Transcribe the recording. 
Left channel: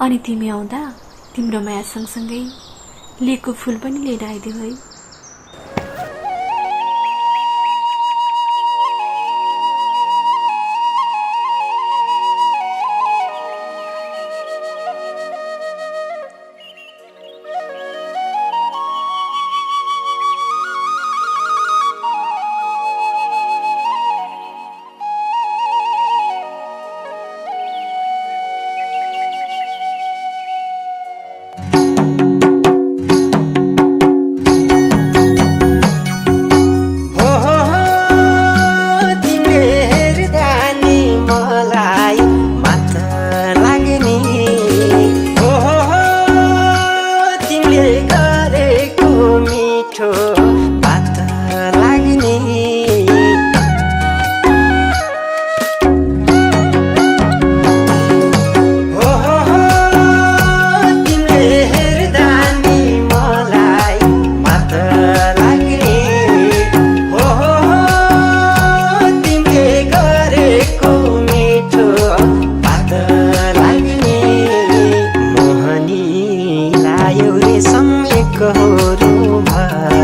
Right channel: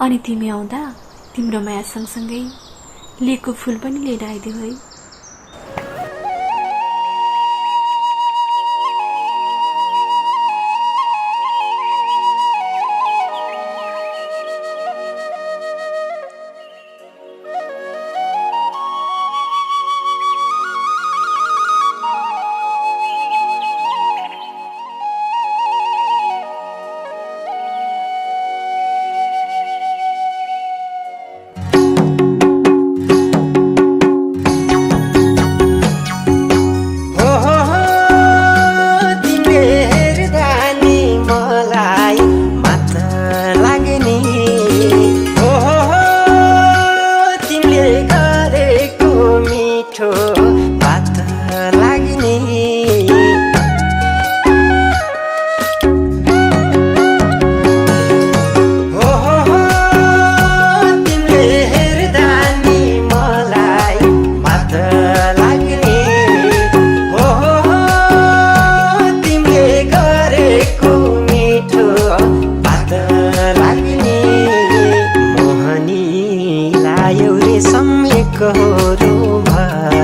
अनि तिमी आउँदा तिम्रो माया सँगसँगै लिएको फूल पनि लिएर आइदेऊ है। एउरे सम्यक हो